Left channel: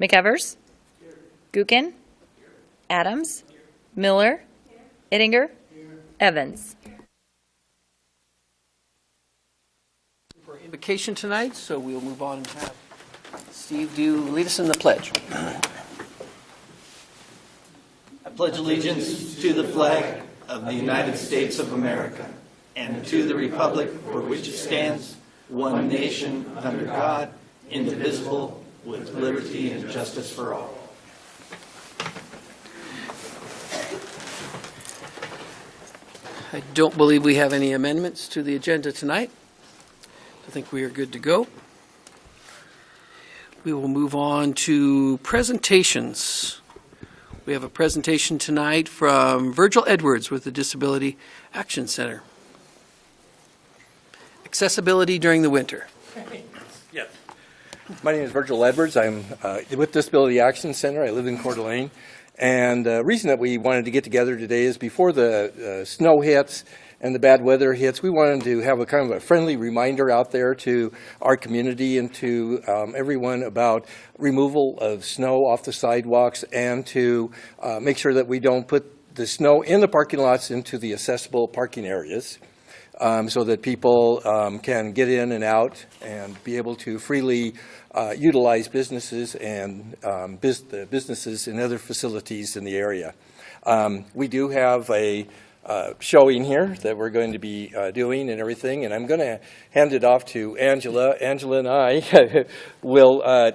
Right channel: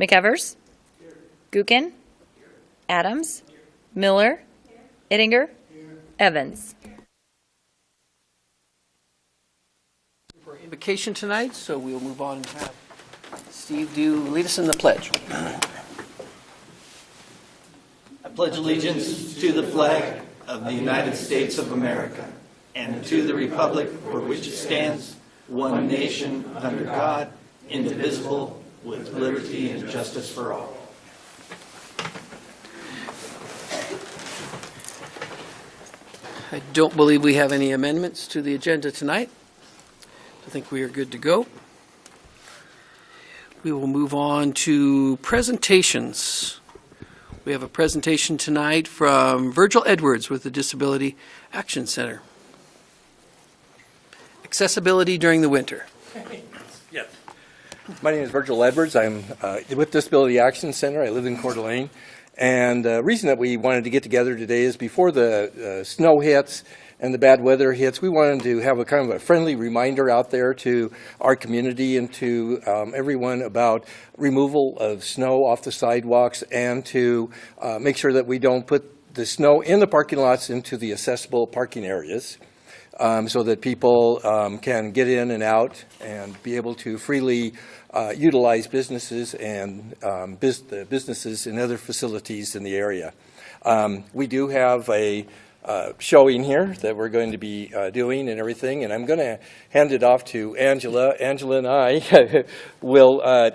McEvers, Gookin, Adams, Miller, Ittinger, Evans. For invocation tonight, so we will move on and have Steve lead us in the pledge. I pledge allegiance to the flag of the United States of America and to the republic for which it stands, one nation under God, indivisible, with liberty and justice for all. I don't believe we have any amendments to the agenda tonight. I think we are good to go. We will move on to presentations. We have a presentation tonight from Virgil Edwards with the Disability Action Center. Accessibility during the winter. Yes. My name is Virgil Edwards. I'm with Disability Action Center. I live in Coeur d'Alene. And the reason that we wanted to get together today is before the snow hits and the bad weather hits, we wanted to have a kind of a friendly reminder out there to our community and to everyone about removal of snow off the sidewalks and to make sure that we don't put the snow in the parking lots into the accessible parking areas. So that people can get in and out and be able to freely utilize businesses and businesses and other facilities in the area. We do have a showing here that we're going to be doing and everything, and I'm going to hand it off to Angela. Angela and I will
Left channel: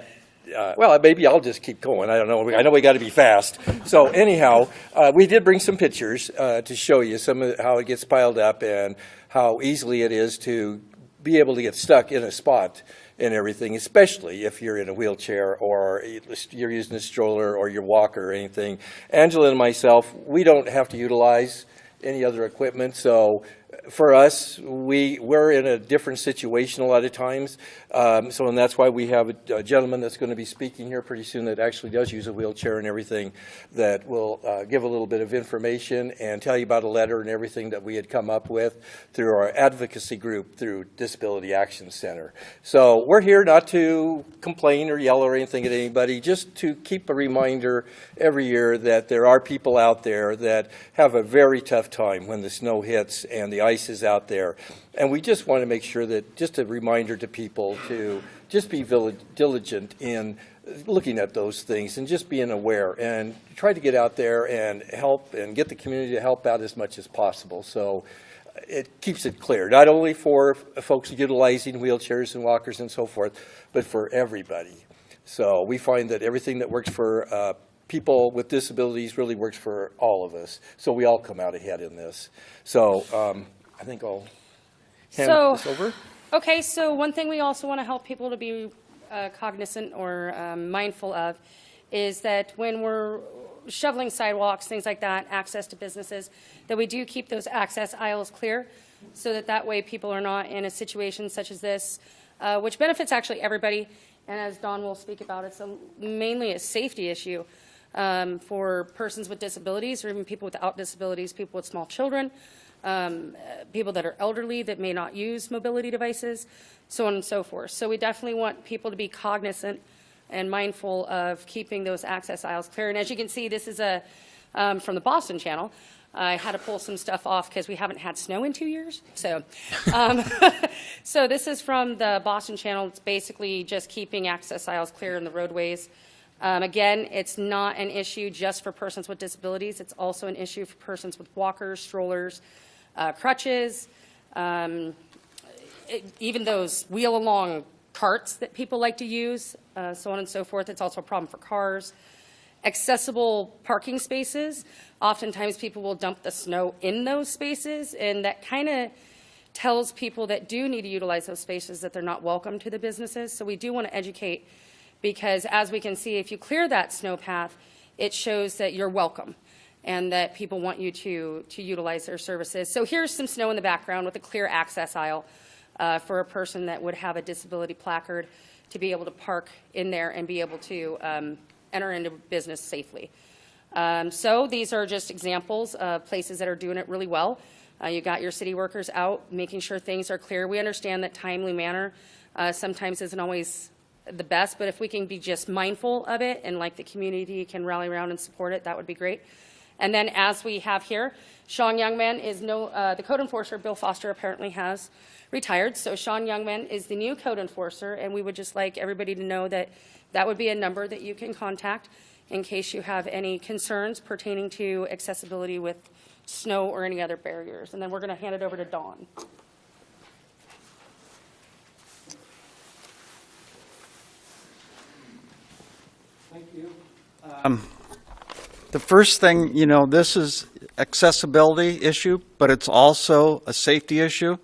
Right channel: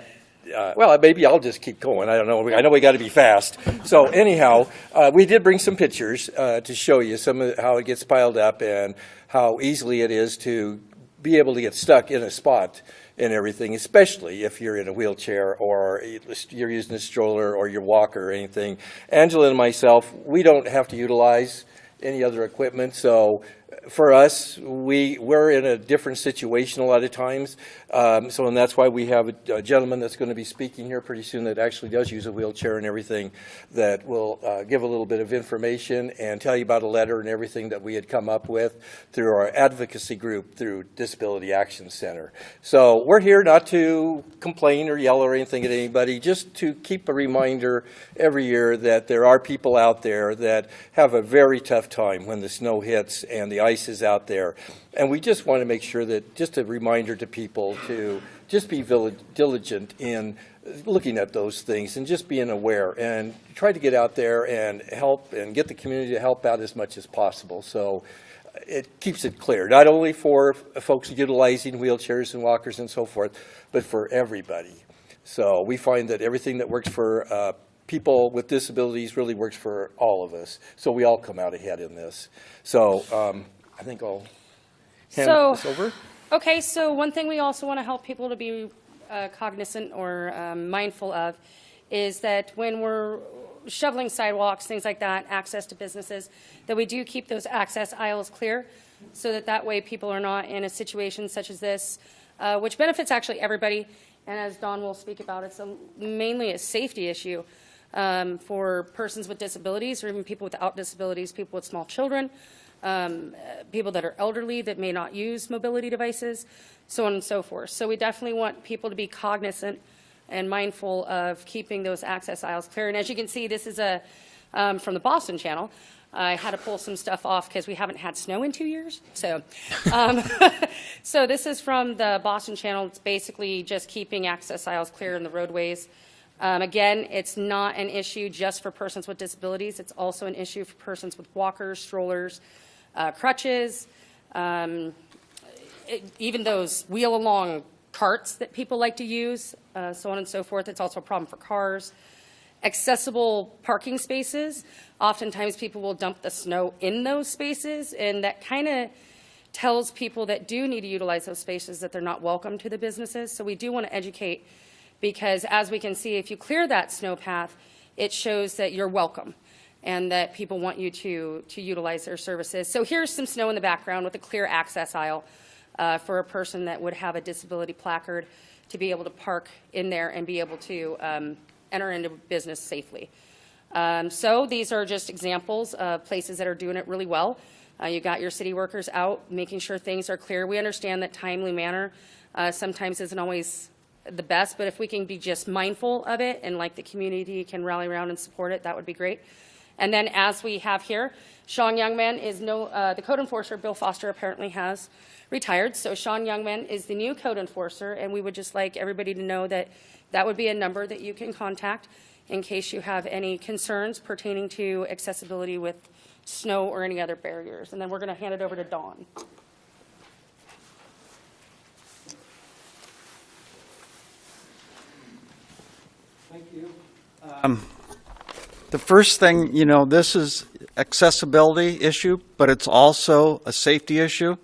well, maybe I'll just keep going. I don't know. I know we got to be fast. So anyhow, we did bring some pictures to show you some of how it gets piled up and how easily it is to be able to get stuck in a spot and everything, especially if you're in a wheelchair or you're using a stroller or your walker or anything. Angela and myself, we don't have to utilize any other equipment, so for us, we're in a different situation a lot of times. And that's why we have a gentleman that's going to be speaking here pretty soon that actually does use a wheelchair and everything that will give a little bit of information and tell you about a letter and everything that we had come up with through our advocacy group through Disability Action Center. So we're here not to complain or yell or anything at anybody, just to keep a reminder every year that there are people out there that have a very tough time when the snow hits and the ice is out there. And we just want to make sure that, just a reminder to people to just be diligent in looking at those things and just being aware and try to get out there and help and get the community to help out as much as possible. So it keeps it clear, not only for folks utilizing wheelchairs and walkers and so forth, but for everybody. So we find that everything that works for people with disabilities really works for all of us. So we all come out ahead in this. So I think I'll hand this over. Okay, so one thing we also want to help people to be cognizant or mindful of is that when we're shoveling sidewalks, things like that, access to businesses, that we do keep those access aisles clear so that way people are not in a situation such as this, which benefits actually everybody. And as Dawn will speak about, it's mainly a safety issue for persons with disabilities or even people without disabilities, people with small children, people that are elderly that may not use mobility devices, so on and so forth. So we definitely want people to be cognizant and mindful of keeping those access aisles clear. And as you can see, this is from the Boston Channel. I had to pull some stuff off because we haven't had snow in 2 years. So, so this is from the Boston Channel. It's basically just keeping access aisles clear in the roadways. Again, it's not an issue just for persons with disabilities. It's also an issue for persons with walkers, strollers, crutches, even those wheel-along carts that people like to use, so on and so forth. It's also a problem for cars. Accessible parking spaces. Oftentimes people will dump the snow in those spaces, and that kind of tells people that do need to utilize those spaces that they're not welcome to the businesses. So we do want to educate, because as we can see, if you clear that snow path, it shows that you're welcome and that people want you to utilize their services. So here's some snow in the background with a clear access aisle for a person that would have a disability placard to be able to park in there and be able to enter into business safely. So these are just examples of places that are doing it really well. You got your city workers out making sure things are clear. We understand that timely manner sometimes isn't always the best, but if we can be just mindful of it and like the community can rally around and support it, that would be great. And then as we have here, Sean Youngman is the code enforcer. Bill Foster apparently has retired. So Sean Youngman is the new code enforcer, and we would just like everybody to know that that would be a number that you can contact in case you have any concerns pertaining to accessibility with snow or any other barriers. And then we're going to hand it over to Dawn. Thank you. The first thing, this is accessibility issue, but it's also a safety issue.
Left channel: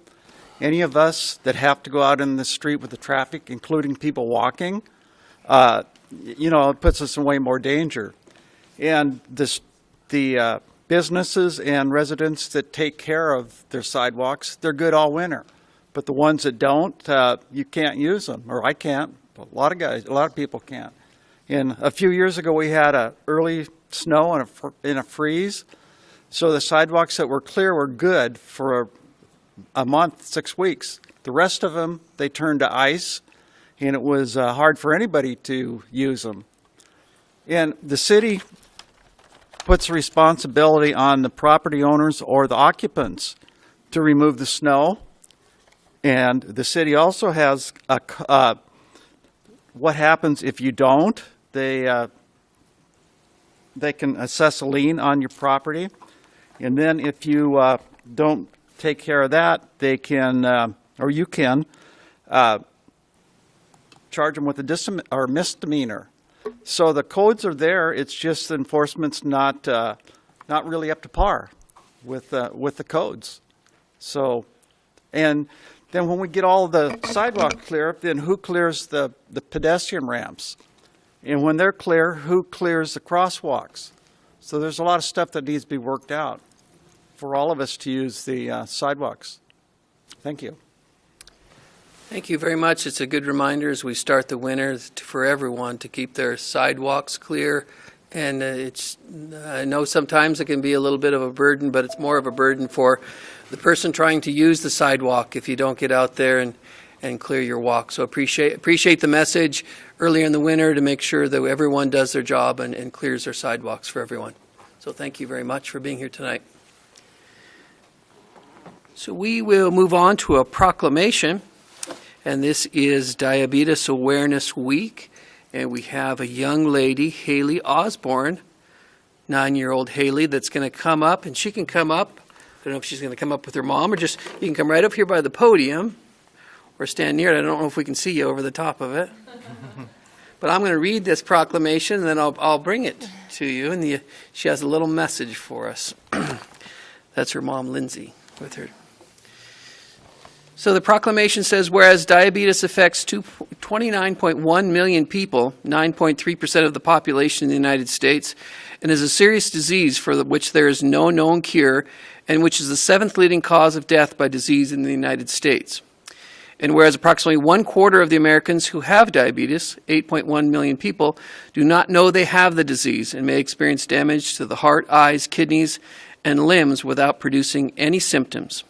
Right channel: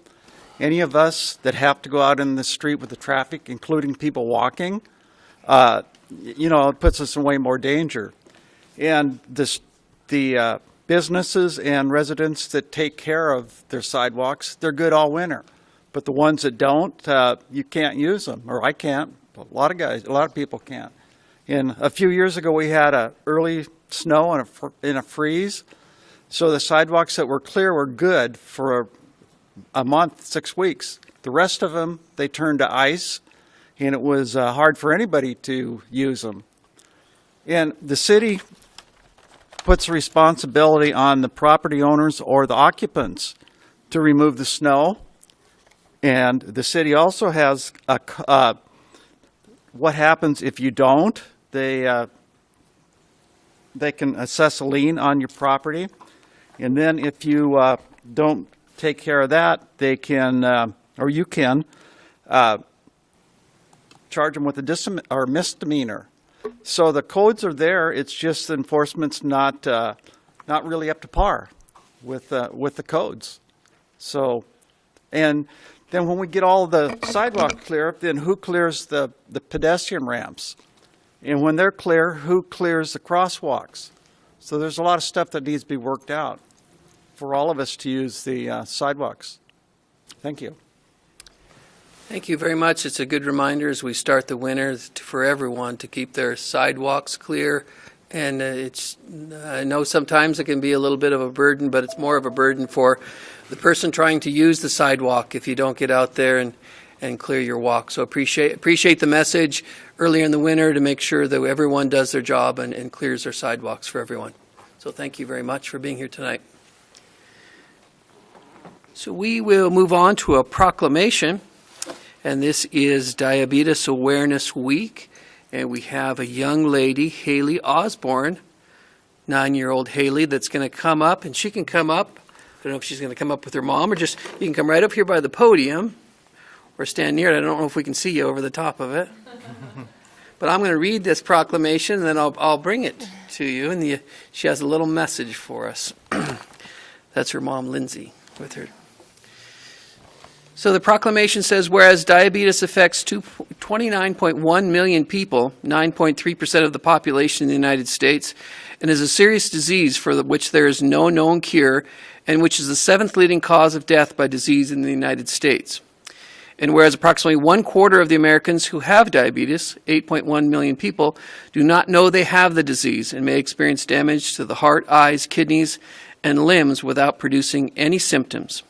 Any of us that have to go out in the street with the traffic, including people walking, it puts us in way more danger. And the businesses and residents that take care of their sidewalks, they're good all winter. But the ones that don't, you can't use them, or I can't. A lot of people can't. And a few years ago, we had a early snow and a freeze. So the sidewalks that were clear were good for a month, 6 weeks. The rest of them, they turned to ice, and it was hard for anybody to use them. And the city puts responsibility on the property owners or the occupants to remove the snow. And the city also has what happens if you don't. They can assess a lien on your property. And then if you don't take care of that, they can, or you can, charge them with a misdemeanor. So the codes are there. It's just the enforcement's not really up to par with the codes. So, and then when we get all the sidewalk clear, then who clears the pedestrian ramps? And when they're clear, who clears the crosswalks? So there's a lot of stuff that needs to be worked out for all of us to use the sidewalks. Thank you. Thank you very much. It's a good reminder as we start the winter for everyone to keep their sidewalks clear. And I know sometimes it can be a little bit of a burden, but it's more of a burden for the person trying to use the sidewalk if you don't get out there and clear your walk. So appreciate the message earlier in the winter to make sure that everyone does their job and clears their sidewalks for everyone. So thank you very much for being here tonight. So we will move on to a proclamation, and this is Diabetes Awareness Week. And we have a young lady, Haley Osborne, 9-year-old Haley, that's going to come up, and she can come up. I don't know if she's going to come up with her mom, or just you can come right up here by the podium or stand near it. I don't know if we can see you over the top of it. But I'm going to read this proclamation, and then I'll bring it to you. And she has a little message for us. That's her mom, Lindsay, with her. So the proclamation says, whereas diabetes affects 29.1 million people, 9.3% of the population in the United States, and is a serious disease for which there is no known cure, and which is the 7th leading cause of death by disease in the United States. And whereas approximately 1/4 of the Americans who have diabetes, 8.1 million people, do not know they have the disease and may experience damage to the heart, eyes, kidneys, and limbs without producing any symptoms.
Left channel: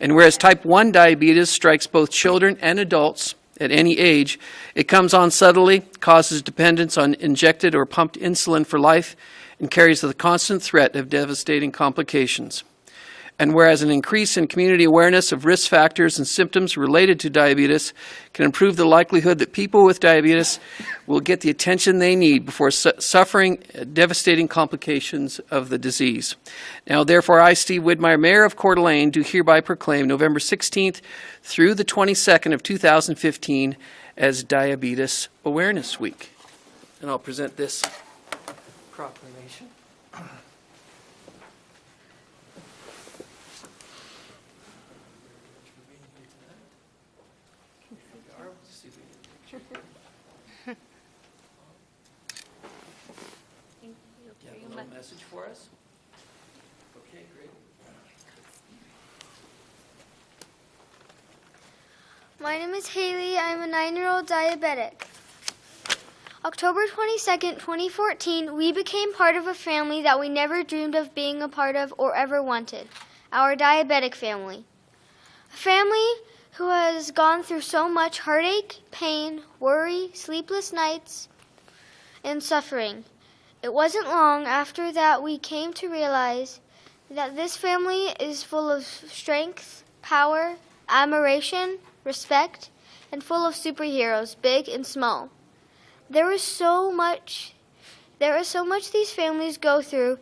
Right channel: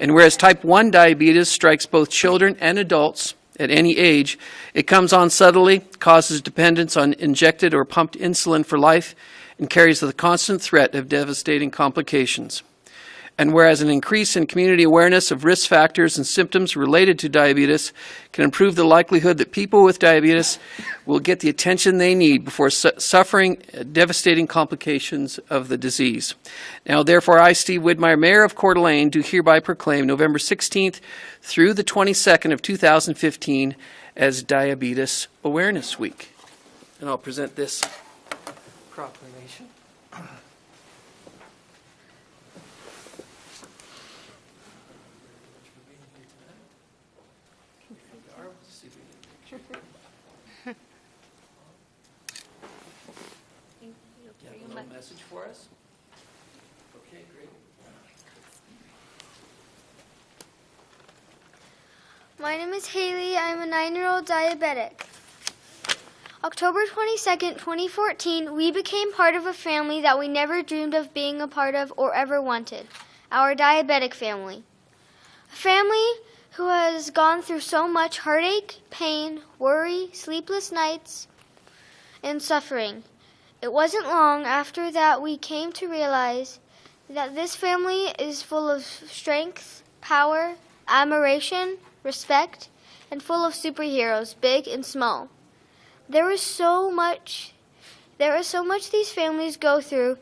And whereas type 1 diabetes strikes both children and adults at any age, it comes on subtly, causes dependence on injected or pumped insulin for life, and carries the constant threat of devastating complications. And whereas an increase in community awareness of risk factors and symptoms related to diabetes can improve the likelihood that people with diabetes will get the attention they need before suffering devastating complications of the disease. Now, therefore, I, Steve Widmeyer, Mayor of Coeur d'Alene, do hereby proclaim November 16th through the 22nd of 2015 as Diabetes Awareness Week. And I'll present this proclamation. Message for us? Okay, great. My name is Haley. I'm a 9-year-old diabetic. October 22nd, 2014, we became part of a family that we never dreamed of being a part of or ever wanted, our diabetic family. A family who has gone through so much heartache, pain, worry, sleepless nights, and suffering. It wasn't long after that we came to realize that this family is full of strength, power, admiration, respect, and full of superheroes, big and small. There is so much these families go through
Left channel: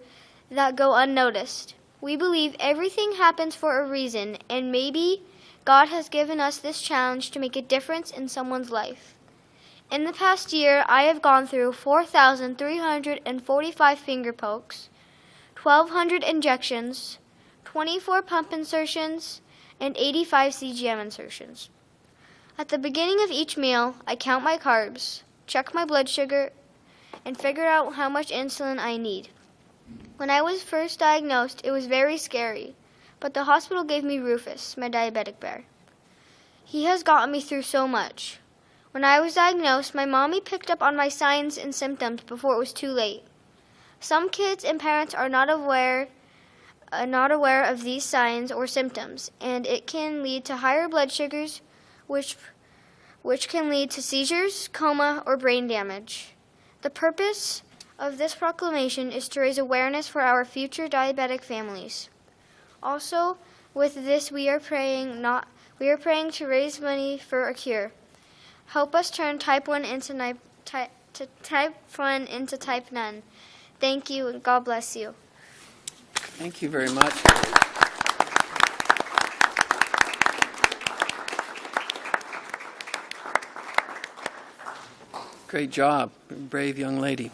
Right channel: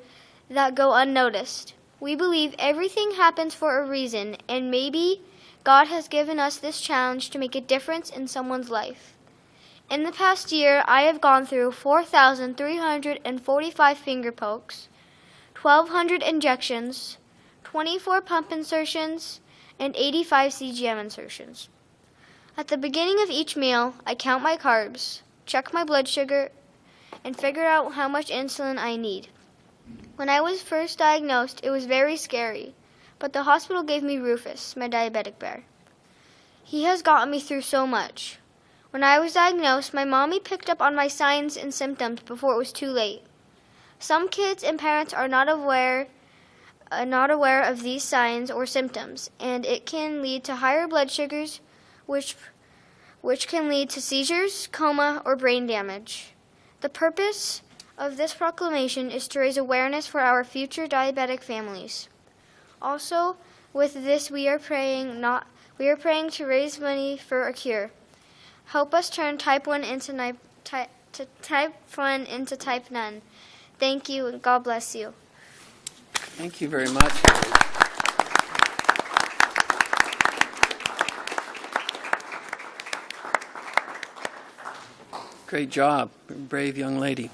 that go unnoticed. We believe everything happens for a reason, and maybe God has given us this challenge to make a difference in someone's life. In the past year, I have gone through 4,345 finger pokes, 1,200 injections, 24 pump insertions, and 85 CGM insertions. At the beginning of each meal, I count my carbs, check my blood sugar, and figure out how much insulin I need. When I was first diagnosed, it was very scary, but the hospital gave me Rufus, my diabetic bear. He has gotten me through so much. When I was diagnosed, my mommy picked up on my signs and symptoms before it was too late. Some kids and parents are not aware of these signs or symptoms, and it can lead to higher blood sugars, which can lead to seizures, coma, or brain damage. The purpose of this proclamation is to raise awareness for our future diabetic families. Also, with this, we are praying to raise money for a cure. Help us turn type 1 into type 1 into type none. Thank you, and God bless you. Thank you very much. Great job, brave young lady.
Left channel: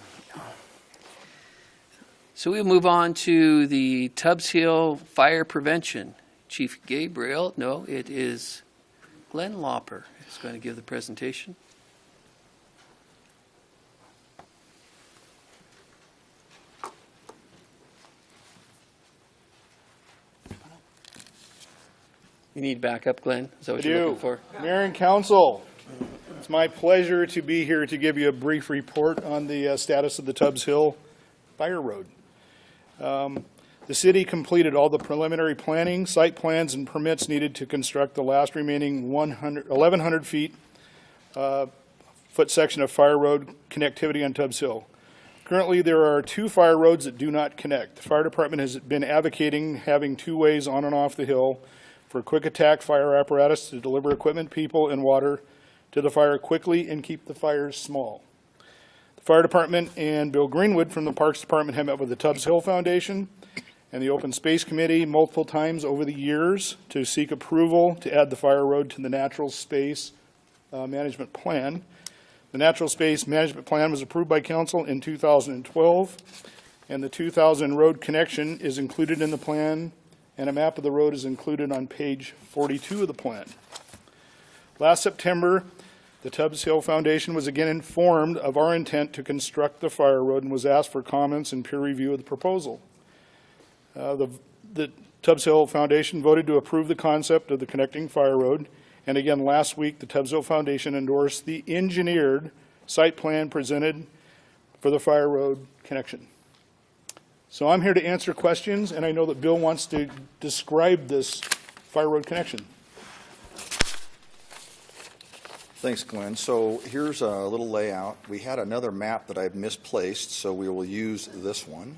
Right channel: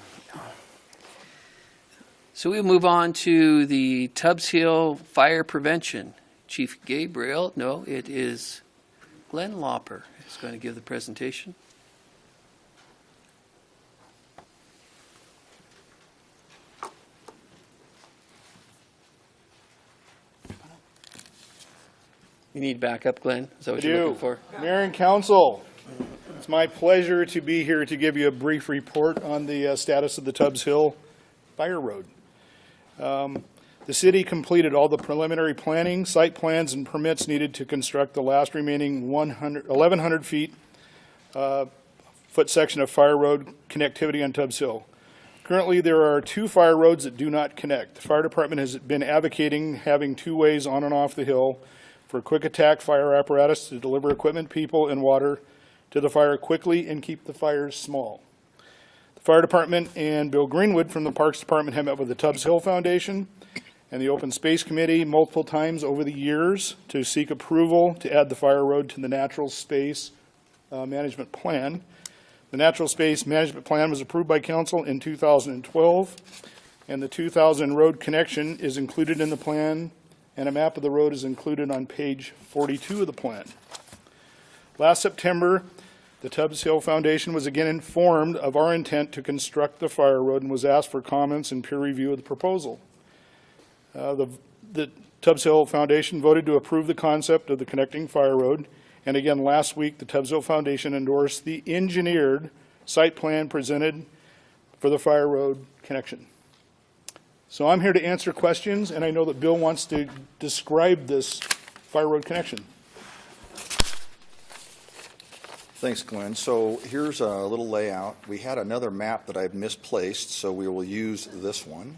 So we move on to the Tubbs Hill Fire Prevention. Chief Gabriel, no, it is Glenn Lauper is going to give the presentation. You need backup, Glenn? Is that what you're looking for? Mayor and Council, it's my pleasure to be here to give you a brief report on the status of the Tubbs Hill Fire Road. The city completed all the preliminary planning, site plans, and permits needed to construct the last remaining 1,100 foot section of fire road connectivity on Tubbs Hill. Currently, there are 2 fire roads that do not connect. The fire department has been advocating having 2 ways on and off the hill for quick attack fire apparatus to deliver equipment, people, and water to the fire quickly and keep the fires small. The fire department and Bill Greenwood from the Parks Department have met with the Tubbs Hill Foundation and the Open Space Committee multiple times over the years to seek approval to add the fire road to the Natural Space Management Plan. The Natural Space Management Plan was approved by Council in 2012, and the 2000 road connection is included in the plan, and a map of the road is included on page 42 of the plan. Last September, the Tubbs Hill Foundation was again informed of our intent to construct the fire road and was asked for comments and peer review of the proposal. The Tubbs Hill Foundation voted to approve the concept of the connecting fire road, and again last week the Tubbs Hill Foundation endorsed the engineered site plan presented for the fire road connection. So I'm here to answer questions, and I know that Bill wants to describe this fire road connection. Thanks, Glenn. So here's a little layout. We had another map that I've misplaced, so we will use this one.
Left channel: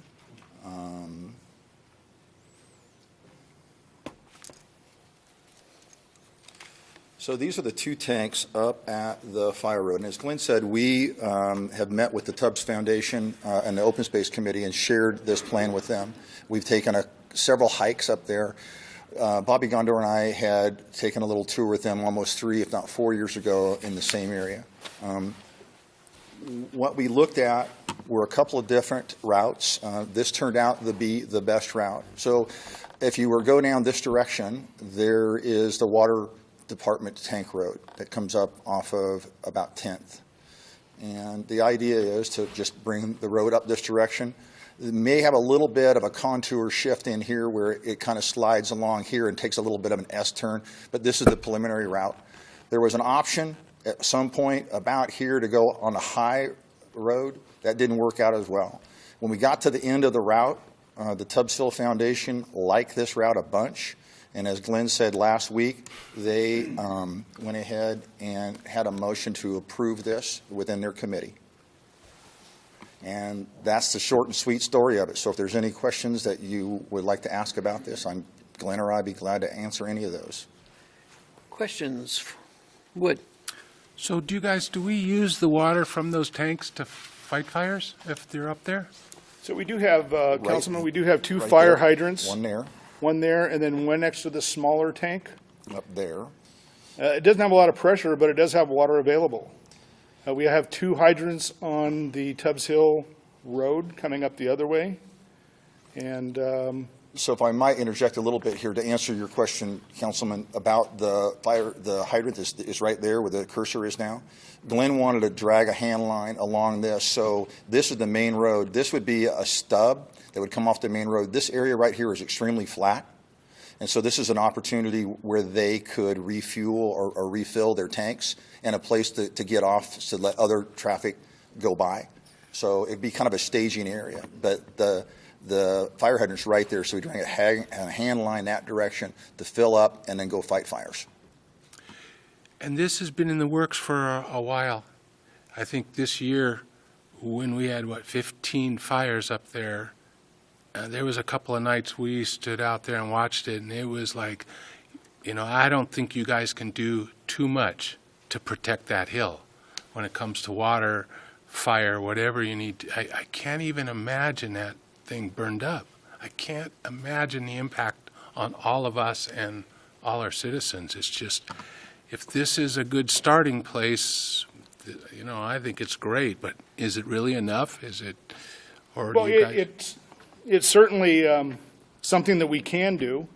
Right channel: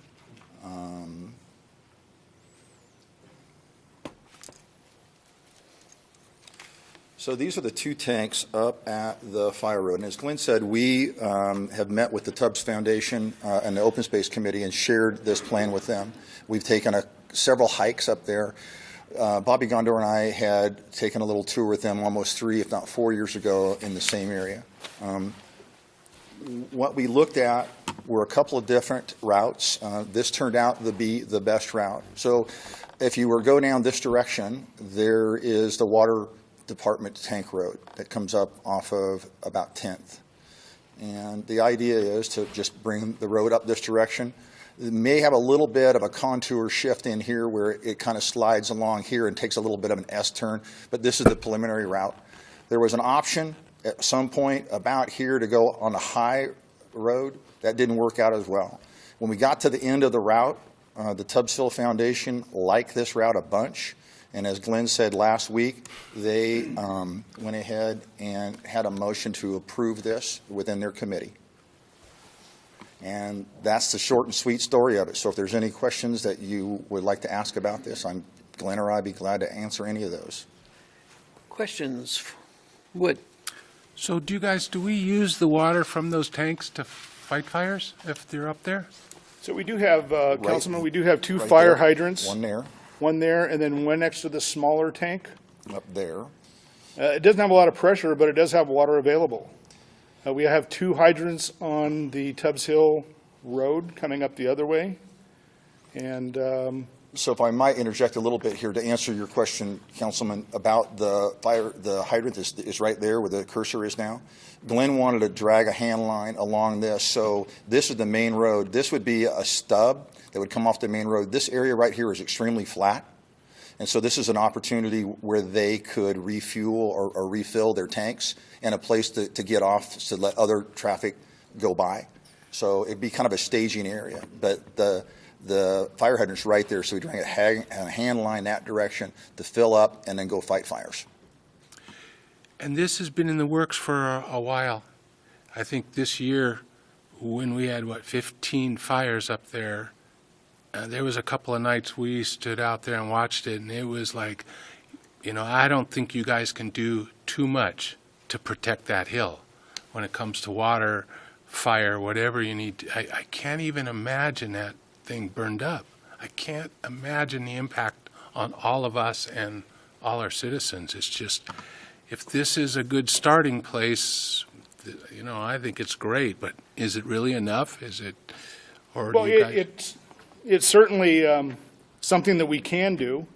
So these are the 2 tanks up at the fire road. And as Glenn said, we have met with the Tubbs Foundation and the Open Space Committee and shared this plan with them. We've taken several hikes up there. Bobby Gondor and I had taken a little tour with them almost 3, if not 4 years ago in the same area. What we looked at were a couple of different routes. This turned out to be the best route. So if you were to go down this direction, there is the water department tank road that comes up off of about 10th. And the idea is to just bring the road up this direction. It may have a little bit of a contour shift in here where it kind of slides along here and takes a little bit of an S-turn, but this is the preliminary route. There was an option at some point about here to go on a high road. That didn't work out as well. When we got to the end of the route, the Tubbs Hill Foundation liked this route a bunch, And as Glenn said last week, they went ahead and had a motion to approve this within their committee. And that's the short and sweet story of it. So if there's any questions that you would like to ask about this, Glenn or I'd be glad to answer any of those. Questions? Wood? So do we use the water from those tanks to fight fires if they're up there? So we do have, Councilman, we do have two Right fire there. hydrants. One there, And then one next to the smaller tank. up there. It doesn't have a lot of pressure, but it does have water available. We have two hydrants on the Tubbs Hill Road coming up the other way. And So if I might interject a little bit here to answer your question, Councilman, about the hydrant is right there where the cursor is now. Glenn wanted to drag a hand line along this, so this is the main road. This would be a stub that would come off the main road. This area right here is extremely flat, and so this is an opportunity where they could refuel or refill their tanks and a place to get off to let other traffic go by. So it'd be kind of a staging area, but the fire hydrant's right there, so we drag a hand line that direction to fill up and then go fight fires. And this has been in the works for a while. I think this year, when we had, 15 fires up there, there was a couple of nights we stood out there and watched it, and it was like, I don't think you guys can do too much to protect that hill when it comes to water, fire, whatever you need. I can't even imagine that thing burned up. I can't imagine the impact on all of us and all our citizens. It's just, if this is a good starting place, I think it's great, but is it really enough? Is it, or well, do you guys? it's certainly something that we can do.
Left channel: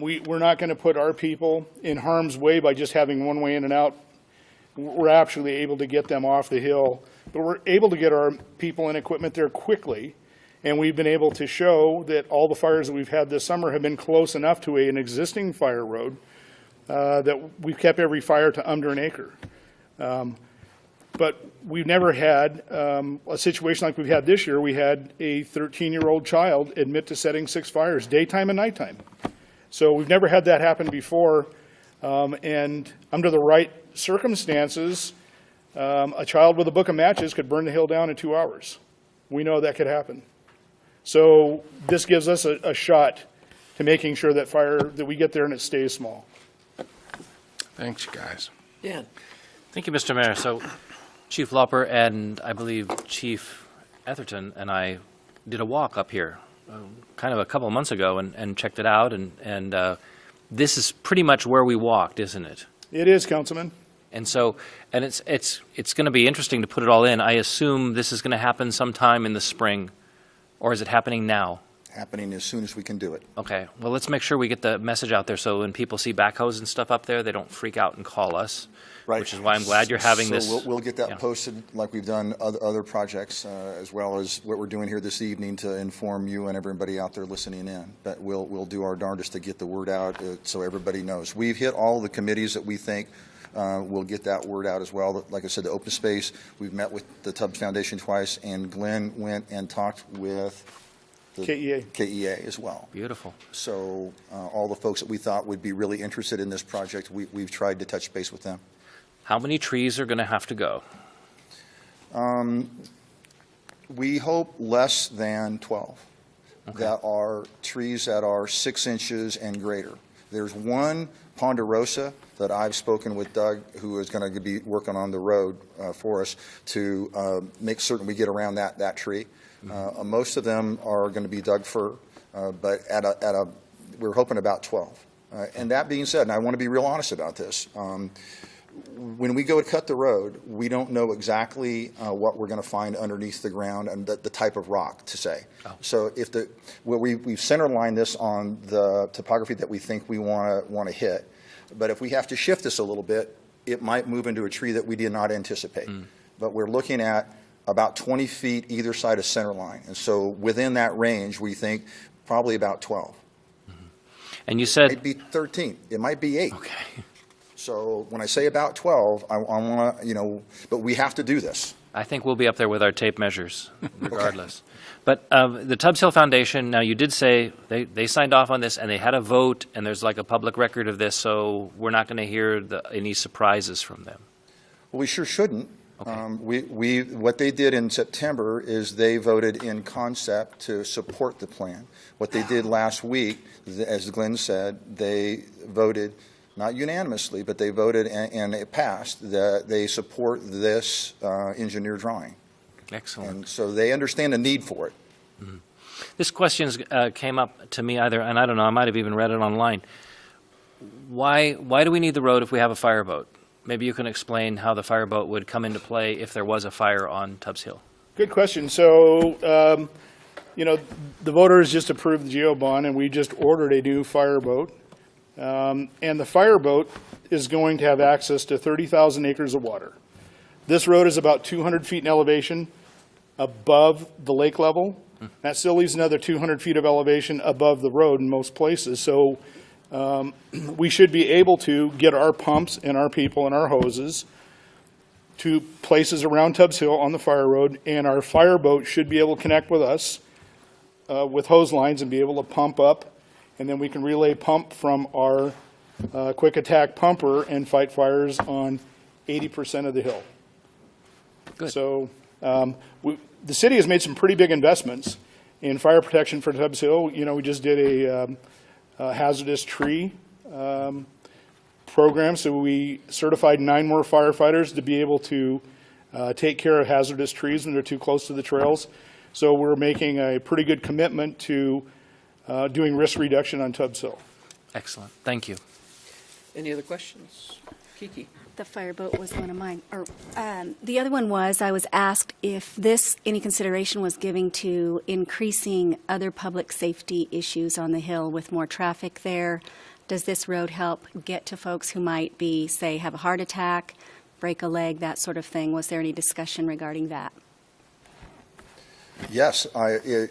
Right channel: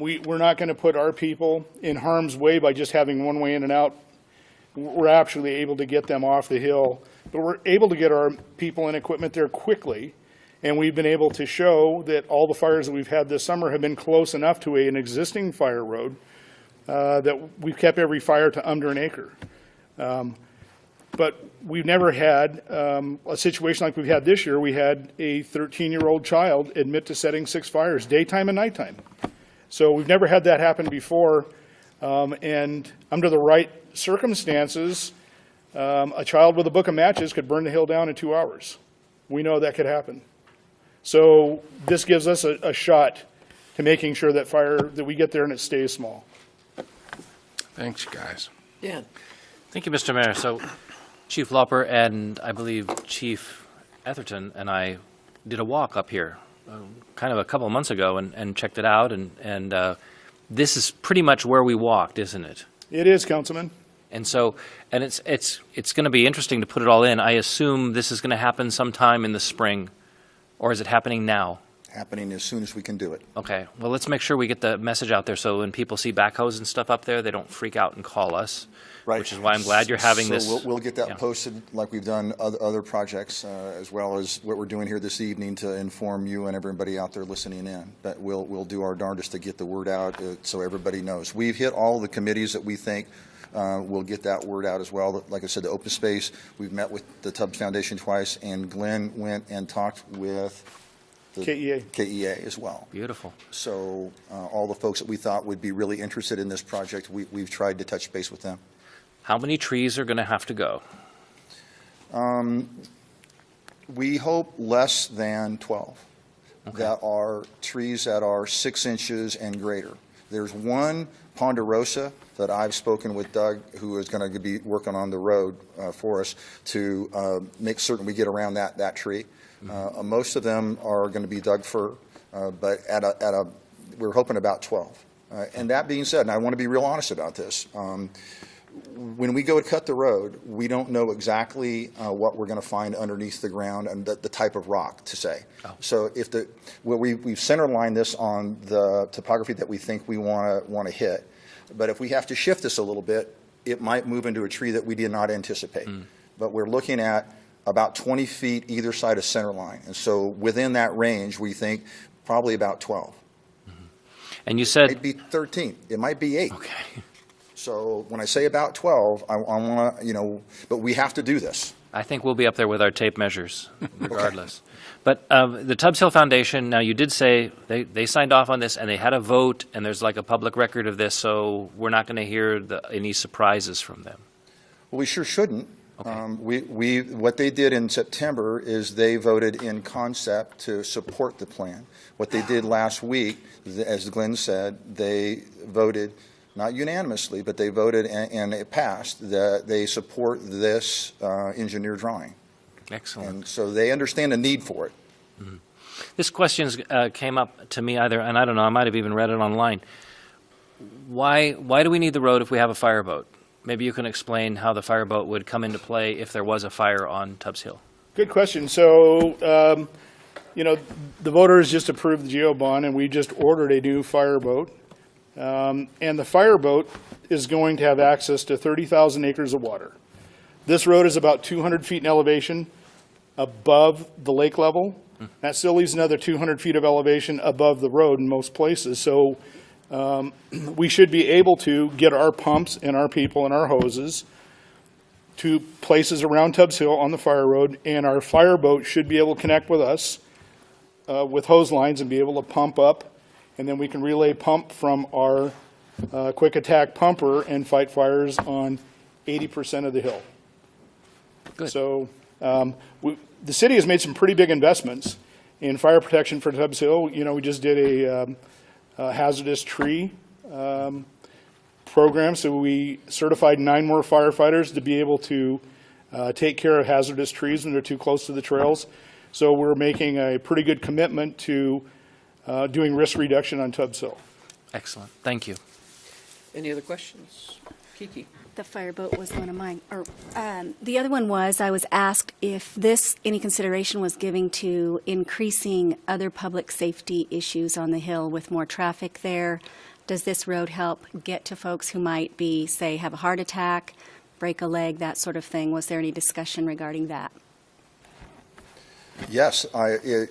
We're not going to put our people in harm's way by just having one way in and out. We're actually able to get them off the hill, but we're able to get our people and equipment there quickly. And we've been able to show that all the fires that we've had this summer have been close enough to an existing fire road that we've kept every fire to under an acre. But we've never had a situation like we've had this year. We had a 13-year-old child admit to setting 6 fires, daytime and nighttime. So we've never had that happen before. And under the right circumstances, a child with a book of matches could burn the hill down in 2 hours. We know that could happen. So this gives us a shot to making sure that we get there and it stays small. Thanks, guys. Dan? Thank you, Mr. Mayor. So Chief Lauper and I believe Chief Etherton and I did a walk up here kind of a couple of months ago and checked it out. And this is pretty much where we walked, isn't it? It is, Councilman. And so, and it's going to be interesting to put it all in. I assume this is going to happen sometime in the spring, or is it happening now? Happening as soon as we can do it. Okay. Well, let's make sure we get the message out there so when people see backhoes and stuff up there, they don't freak out and call us. Right. Which is why I'm glad you're having so this. We'll get that yeah. posted like we've done other projects, as well as what we're doing here this evening to inform you and everybody out there listening in. But we'll do our darndest to get the word out so everybody knows. We've hit all the committees that we think we'll get that word out as well. Like I said, the open space, we've met with the Tubbs Foundation twice, and Glenn went and talked with the KEA as well. Beautiful. So all the folks that we thought would be really interested in this project, we've tried to touch base with them. How many trees are going to have to go? We hope less than 12 that are trees that are 6 inches and greater. There's one ponderosa that I've spoken with Doug, who is going to be working on the road for us to make certain we get around that tree. Most of them are going to be Doug fir, but we're hoping about 12. And that being said, and I want to be real honest about this, when we go to cut the road, we don't know exactly what we're going to find underneath the ground and the type of rock to say. Oh. So if we've center lined this on the topography that we think we want to hit, but if we have to shift this a little bit, it might move into a tree that we did not anticipate. But we're looking at about 20 feet either side of center line, and so within that range, we think probably about 12. And you said it might be 13. It might be 8. Okay. So when I say about 12, I want to, but we have to do this. I think we'll be up there with our tape measures, regardless. But the Tubbs Hill Foundation, now you did say they signed off on this and they had a vote and there's like a public record of this, so we're not going to hear any surprises from them. Well, we sure shouldn't. What they did in September is they voted in concept to support the plan. What they did last week, as Glenn said, they voted, not unanimously, but they voted and it passed, that they support this engineer drawing. Excellent. And so they understand the need for it. Mm-hmm. This question came up to me either, and I don't know, I might have even read it online. Why do we need the road if we have a fireboat? Maybe you can explain how the fireboat would come into play if there was a fire on Tubbs Hill. Good question. So, the voters just approved the GO bond, and we just ordered a new fireboat. And the fireboat is going to have access to 30,000 acres of water. This road is about 200 feet in elevation above the lake level. That still leaves another 200 feet of elevation above the road in most places. So we should be able to get our pumps and our people and our hoses to places around Tubbs Hill on the fire road, and our fireboat should be able to connect with us with hose lines and be able to pump up, and then we can relay pump from our quick attack pumper and fight fires on 80% of the hill. Good. So the city has made some pretty big investments in fire protection for Tubbs Hill. We just did a hazardous tree program, so we certified 9 more firefighters to be able to take care of hazardous trees when they're too close to the trails. So we're making a pretty good commitment to doing risk reduction on Tubbs Hill. Excellent. Thank you. Any other questions? Kiki? The fireboat was one of mine. The other one was, I was asked if any consideration was given to increasing other public safety issues on the hill with more traffic there. Does this road help get to folks who might be, say, have a heart attack, break a leg, that sort of thing? Was there any discussion regarding that? Yes,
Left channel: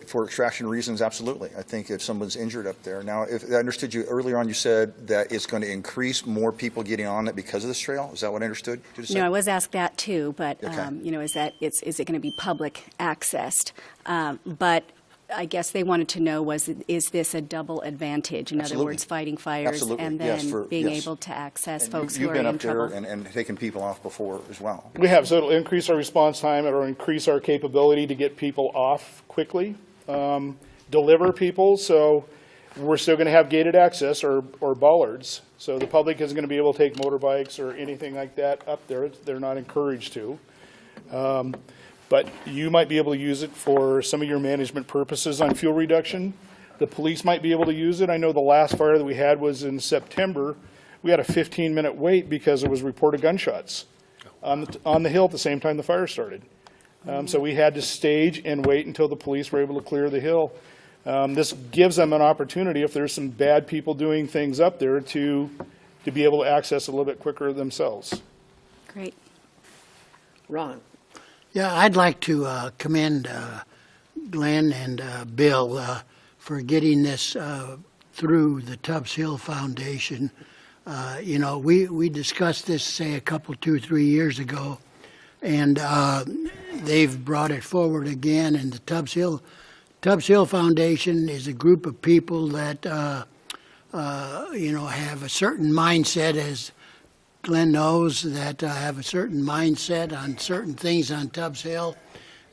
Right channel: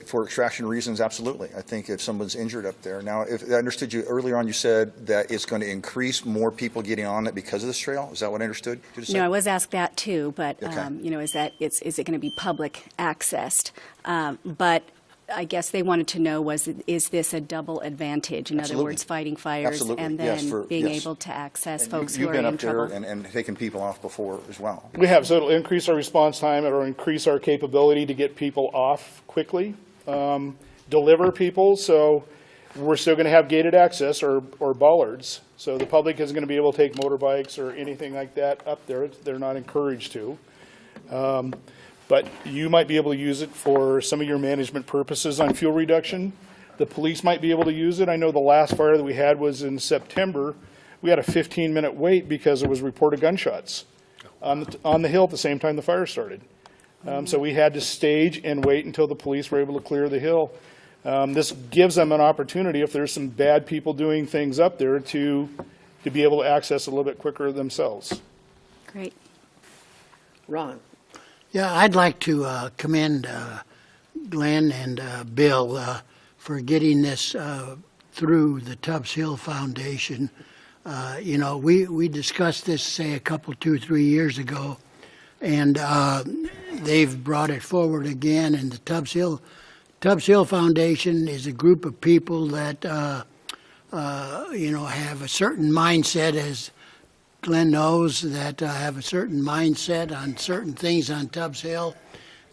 for extraction reasons, absolutely. I think if someone's injured up there. Now, if I understood you earlier on, you said that it's going to increase more people getting on it because of this trail. Is that what I understood you to say? No, I was asked that too, but Okay. is it going to be public accessed? But I guess they wanted to know is this a double advantage? In Absolutely. other words, fighting fires Absolutely. and then Yes, being yes. able to access And folks who you've are been in up there trouble. and taken people off before as well. We have, so it'll increase our response time, it'll increase our capability to get people off quickly, deliver people, so we're still going to have gated access or bollards, so the public is going to be able to take motorbikes or anything like that up there. They're not encouraged to. But you might be able to use it for some of your management purposes on fuel reduction. The police might be able to use it. I know the last fire that we had was in September. We had a 15-minute wait because there was reported gunshots on the hill at the same time the fire started. So we had to stage and wait until the police were able to clear the hill. This gives them an opportunity, if there's some bad people doing things up there, to be able to access it a little bit quicker themselves. Great. Ron? Yeah, I'd like to commend Glenn and Bill for getting this through the Tubbs Hill Foundation. We discussed this, say, 2, 3 years ago, and they've brought it forward again. And the Tubbs Hill Foundation is a group of people that, have a certain mindset, as Glenn knows, that have a certain mindset on certain things on Tubbs Hill.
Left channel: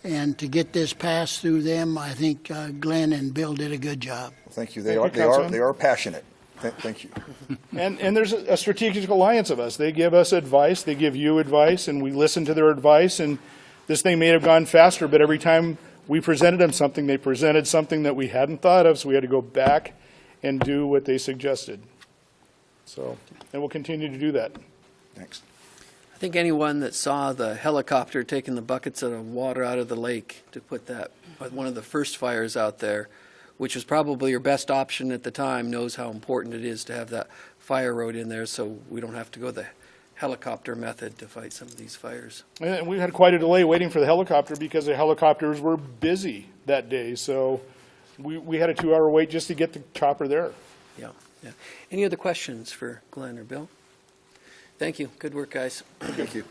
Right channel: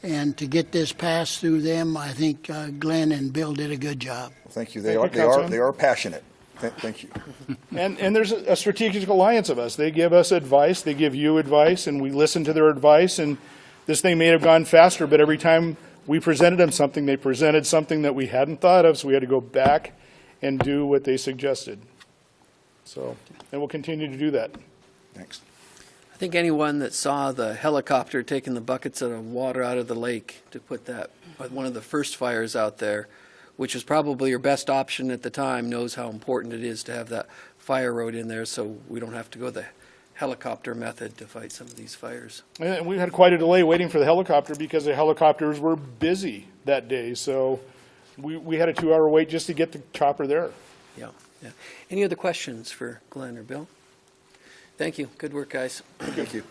And to get this passed through them, I think Glenn and Bill did a good job. Well, thank you. They are passionate. Thank you. And there's a strategic alliance of us. They give us advice, they give you advice, and we listen to their advice. And this thing may have gone faster, but every time we presented them something, they presented something that we hadn't thought of, so we had to go back and do what they suggested. So, and we'll continue to do that. Thanks. I think anyone that saw the helicopter taking the buckets of water out of the lake to put that, one of the first fires out there, which was probably your best option at the time, knows how important it is to have that fire road in there so we don't have to go the helicopter method to fight some of these fires. And we had quite a delay waiting for the helicopter because the helicopters were busy that day. So we had a 2-hour wait just to get the chopper there. Yeah. Any other questions for Glenn or Bill? Thank you. Good work, guys. Thank you.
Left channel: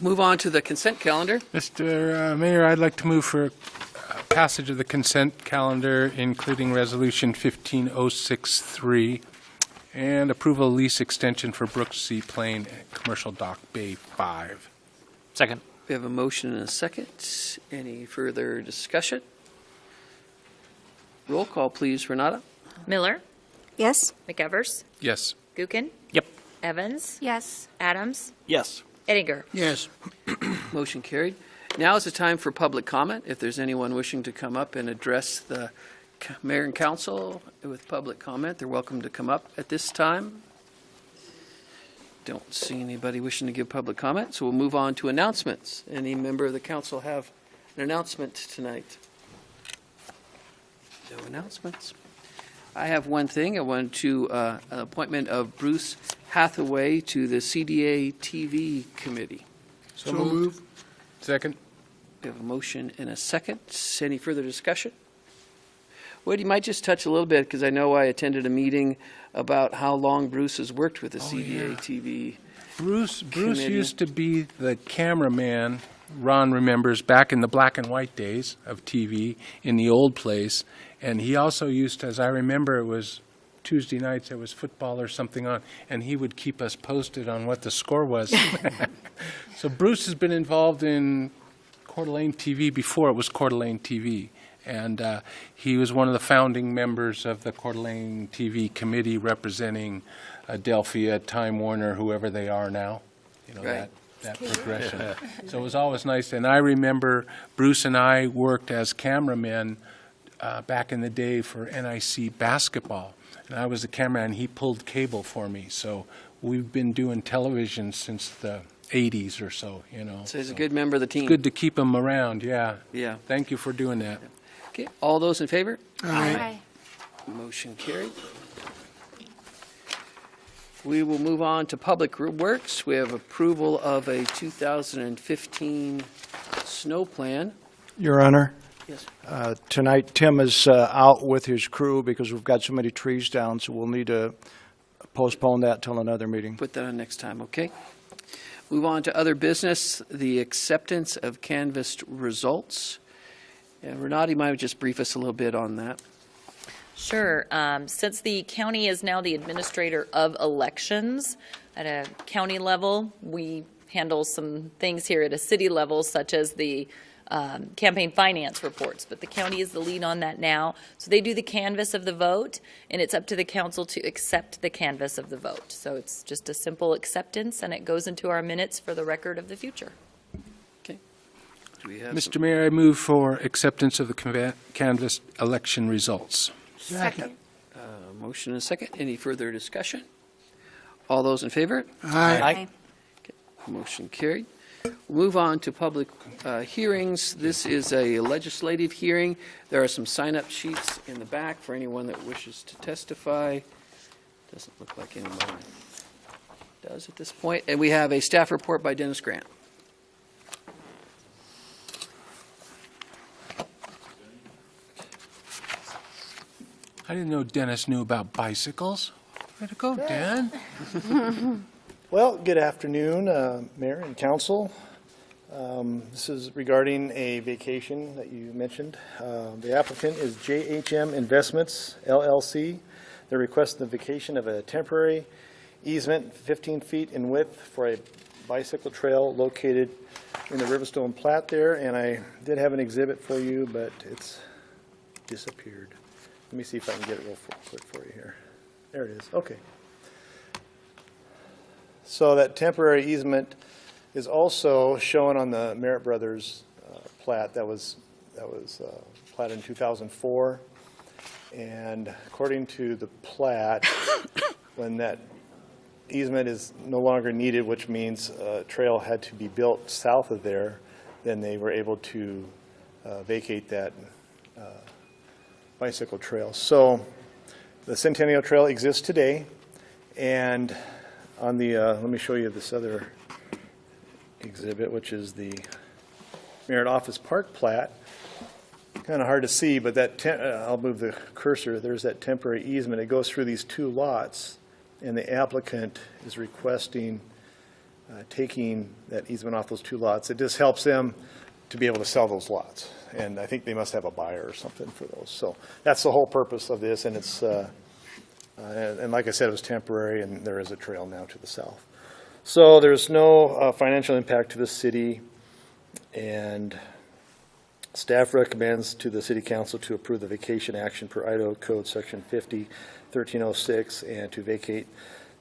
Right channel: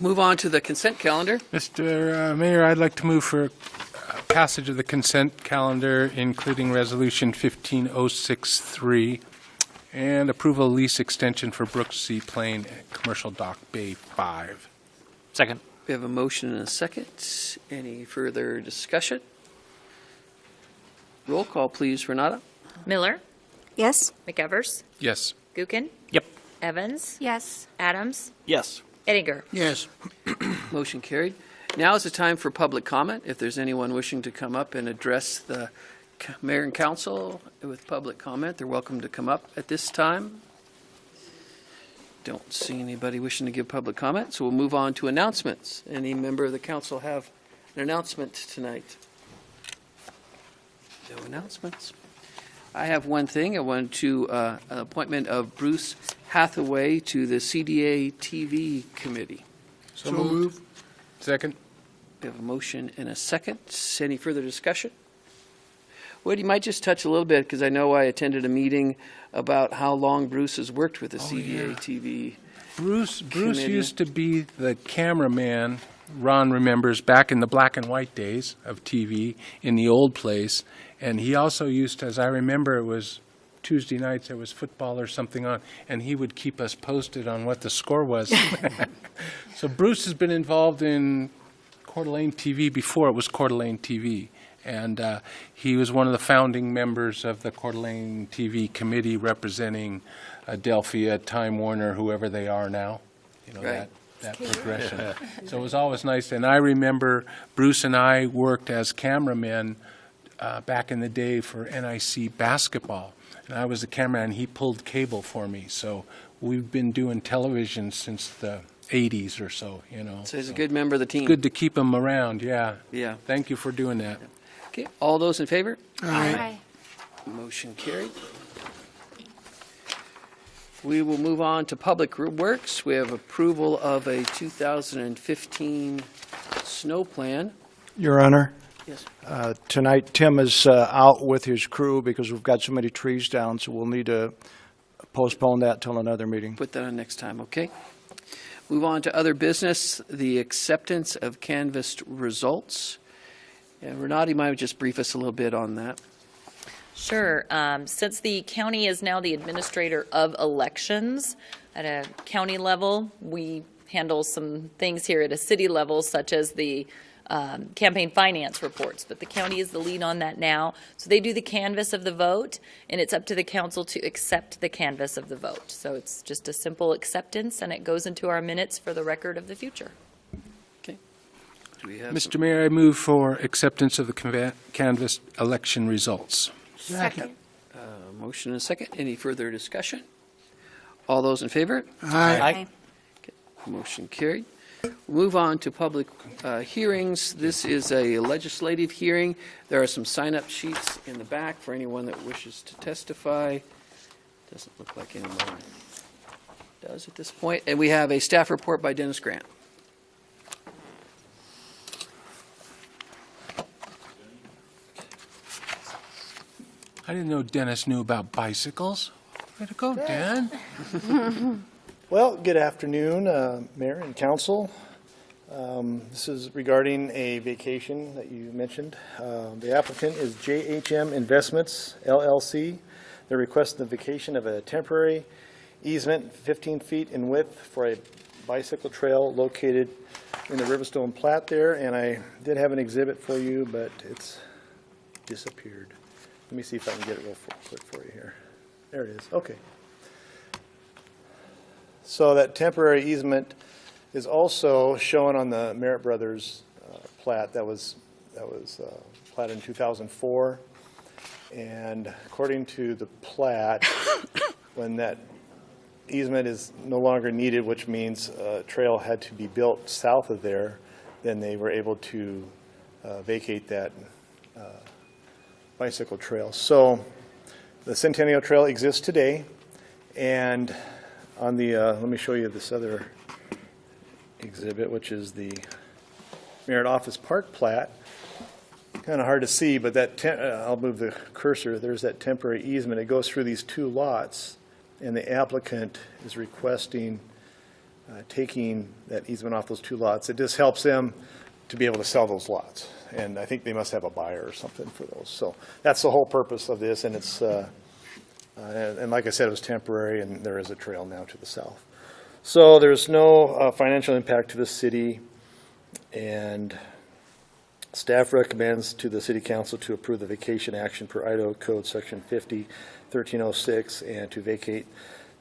Move on to the consent calendar. Mr. Mayor, I'd like to move for passage of the consent calendar, including Resolution 15063 and approval of lease extension for Brooks Seaplane Commercial Dock Bay 5. Second. We have a motion and a second. Any further discussion? Roll call, please, Renata. Miller, Yes? McEvers, Yes. Gookin, Yep. Evans, Yes. Adams, Yes. Ettinger. Yes. Motion carried. Now is the time for public comment. If there's anyone wishing to come up and address the mayor and council with public comment, they're welcome to come up at this time. Don't see anybody wishing to give public comment, so we'll move on to announcements. Any member of the council have an announcement tonight? No announcements. I have one thing. I wanted to, an appointment of Bruce Hathaway to the CDA TV committee. So moved. Second. We have a motion and a second. Any further discussion? Wade, you might just touch a little bit, because I know I attended a meeting about how long Bruce has worked with the CDA TV. Bruce committee. used to be the cameraman, Ron remembers, back in the black and white days of TV in the old place. And he also used to, as I remember, it was Tuesday nights, there was football or something on, and he would keep us posted on what the score was. So Bruce has been involved in Coeur d'Alene TV before it was Coeur d'Alene TV. And he was one of the founding members of the Coeur d'Alene TV committee representing Adelphia, Time Warner, whoever they are now. You know, Right. that progression. So it was always nice. And I remember Bruce and I worked as cameramen back in the day for NIC basketball. And I was the cameraman, he pulled cable for me. So we've been doing television since the 80s or so, you know. So he's a good member of the team. It's good to keep him around, yeah. Yeah. Thank you for doing that. Okay, all those in favor? Aye. Motion carried. We will move on to Public Works. We have approval of a 2015 snow plan. Your Honor, Yes. tonight Tim is out with his crew because we've got so many trees down, so we'll need to postpone that till another meeting. Put that on next time, okay? Move on to other business, the acceptance of canvassed results. And Renata, you might just brief us a little bit on that. Sure. Since the county is now the administrator of elections at a county level, we handle some things here at a city level, such as the campaign finance reports, but the county is the lead on that now. So they do the canvass of the vote, and it's up to the council to accept the canvass of the vote. So it's just a simple acceptance, and it goes into our minutes for the record of the future. Okay. Do we have Mr. Mayor, I move for acceptance of the canvass election results. Second. motion and a second? Any further discussion? All those in favor? Aye. Motion carried. We'll move on to public hearings. This is a legislative hearing. There are some sign-up sheets in the back for anyone that wishes to testify. Doesn't look like anyone does at this point. And we have a staff report by Dennis Grant. I didn't know Dennis knew about bicycles. Way to go, Dan. Well, good afternoon, Mayor and Council. This is regarding a vacation that you mentioned. The applicant is JHM Investments, LLC. They're requesting the vacation of a temporary easement 15 feet in width for a bicycle trail located in the Riverstone Plat there, and I did have an exhibit for you, but it's disappeared. Let me see if I can get it real quick for you here. There it is. Okay. So that temporary easement is also shown on the Merritt Brothers plat that was platted in 2004. And according to the plat, when that easement is no longer needed, which means a trail had to be built south of there, then they were able to vacate that bicycle trail. So the Centennial Trail exists today, and on the, let me show you this other exhibit, which is the Merritt Office Park plat. Kind of hard to see, but that, I'll move the cursor, there's that temporary easement. It goes through these two lots, and the applicant is requesting taking that easement off those 2 lots. It just helps them to be able to sell those lots. And I think they must have a buyer or something for those. So that's the whole purpose of this, and it's, and like I said, it was temporary, and there is a trail now to the south. So there's no financial impact to the city, and staff recommends to the city council to approve the vacation action per Idaho Code Section 50-1306 and to vacate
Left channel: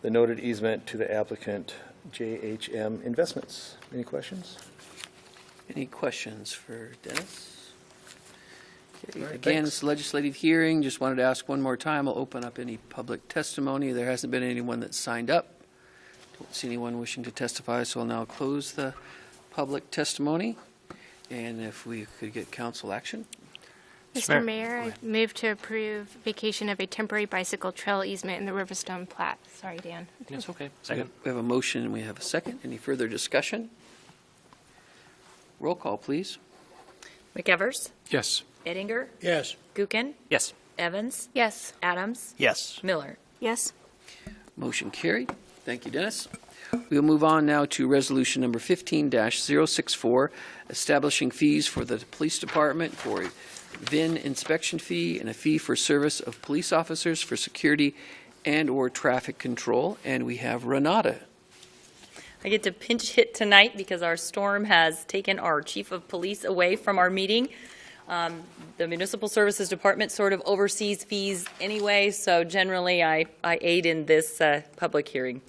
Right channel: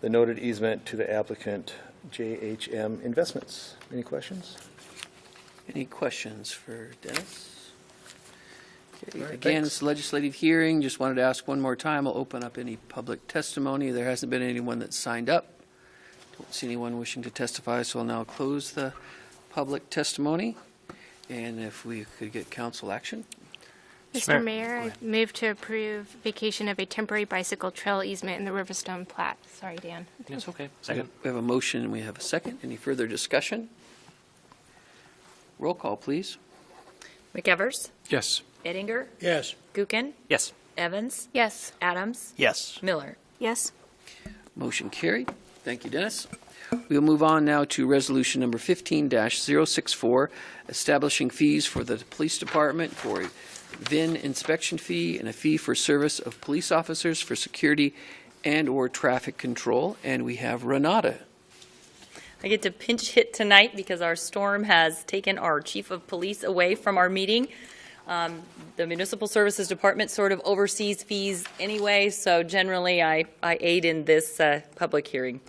the noted easement to the applicant JHM Investments. Any questions? Any questions for Dennis? Okay, again, it's a legislative hearing. Just wanted to ask one more time. I'll open up any public testimony. There hasn't been anyone that's signed up. Don't see anyone wishing to testify, so I'll now close the public testimony. And if we could get council action. Mr. Mayor, I move to approve vacation of a temporary bicycle trail easement in the Riverstone plat. Sorry, Dan. It's okay. Second. We have a motion and we have a second. Any further discussion? Roll call, please. McEvers, Yes. Ettinger, Yes. Gookin, Yes. Evans, Yes. Adams, Yes. Miller. Yes. Motion carried. Thank you, Dennis. We'll move on now to resolution number 15-064, establishing fees for the police department for a VIN inspection fee and a fee for service of police officers for security and/or traffic control. And we have Renata. I get to pinch hit tonight because our storm has taken our chief of police away from our meeting. The Municipal Services Department sort of oversees fees anyway, so generally I aid in this public hearing.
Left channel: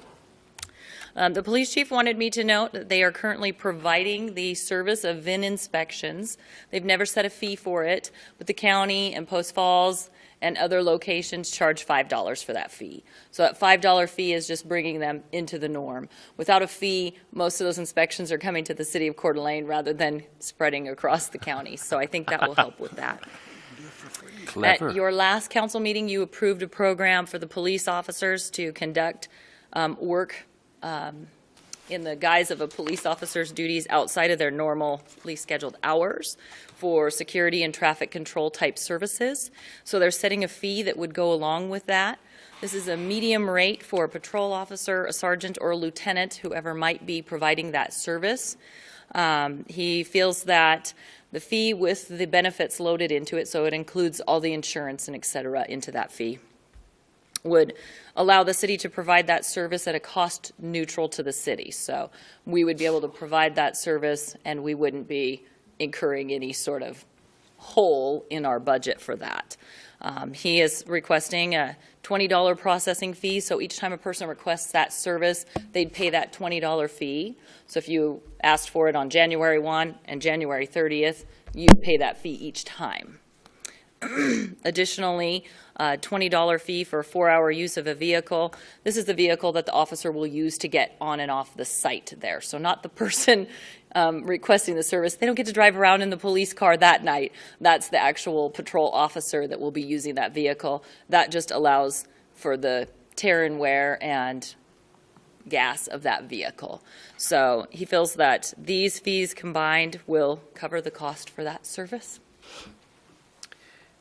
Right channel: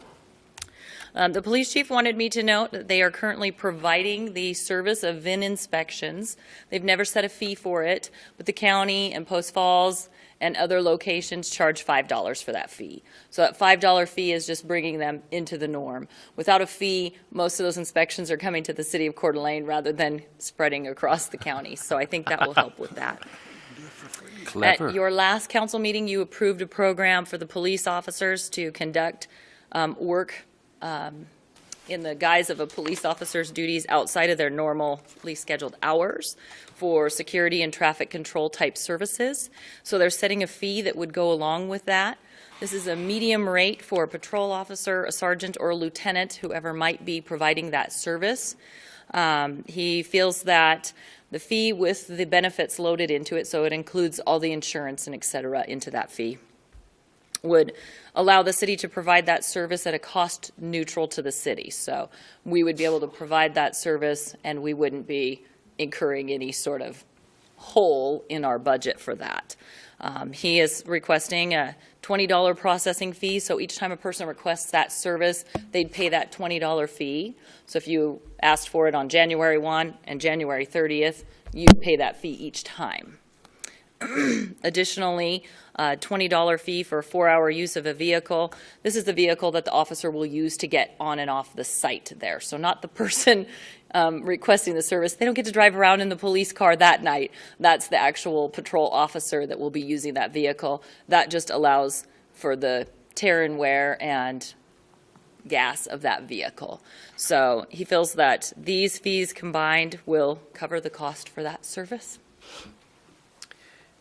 The police chief wanted me to note that they are currently providing the service of VIN inspections. They've never set a fee for it, but the county and Post Falls and other locations charge $5 for that fee. So that $5 fee is just bringing them into the norm. Without a fee, most of those inspections are coming to the city of Coeur d'Alene rather than spreading across the county. So I think that will help with that. Clever. At your last council meeting, you approved a program for the police officers to conduct work in the guise of a police officer's duties outside of their normally scheduled hours for security and traffic control type services. So they're setting a fee that would go along with that. This is a medium rate for a patrol officer, a sergeant, or a lieutenant, whoever might be providing that service. He feels that the fee with the benefits loaded into it, so it includes all the insurance and et cetera into that fee, would allow the city to provide that service at a cost neutral to the city. So we would be able to provide that service and we wouldn't be incurring any sort of hole in our budget for that. He is requesting a $20 processing fee. So each time a person requests that service, they'd pay that $20 fee. So if you asked for it on January 1 and January 30th, you pay that fee each time. Additionally, $20 fee for a 4-hour use of a vehicle. This is the vehicle that the officer will use to get on and off the site there. So not the person requesting the service. They don't get to drive around in the police car that night. That's the actual patrol officer that will be using that vehicle. That just allows for the tear and wear and gas of that vehicle. So he feels that these fees combined will cover the cost for that service.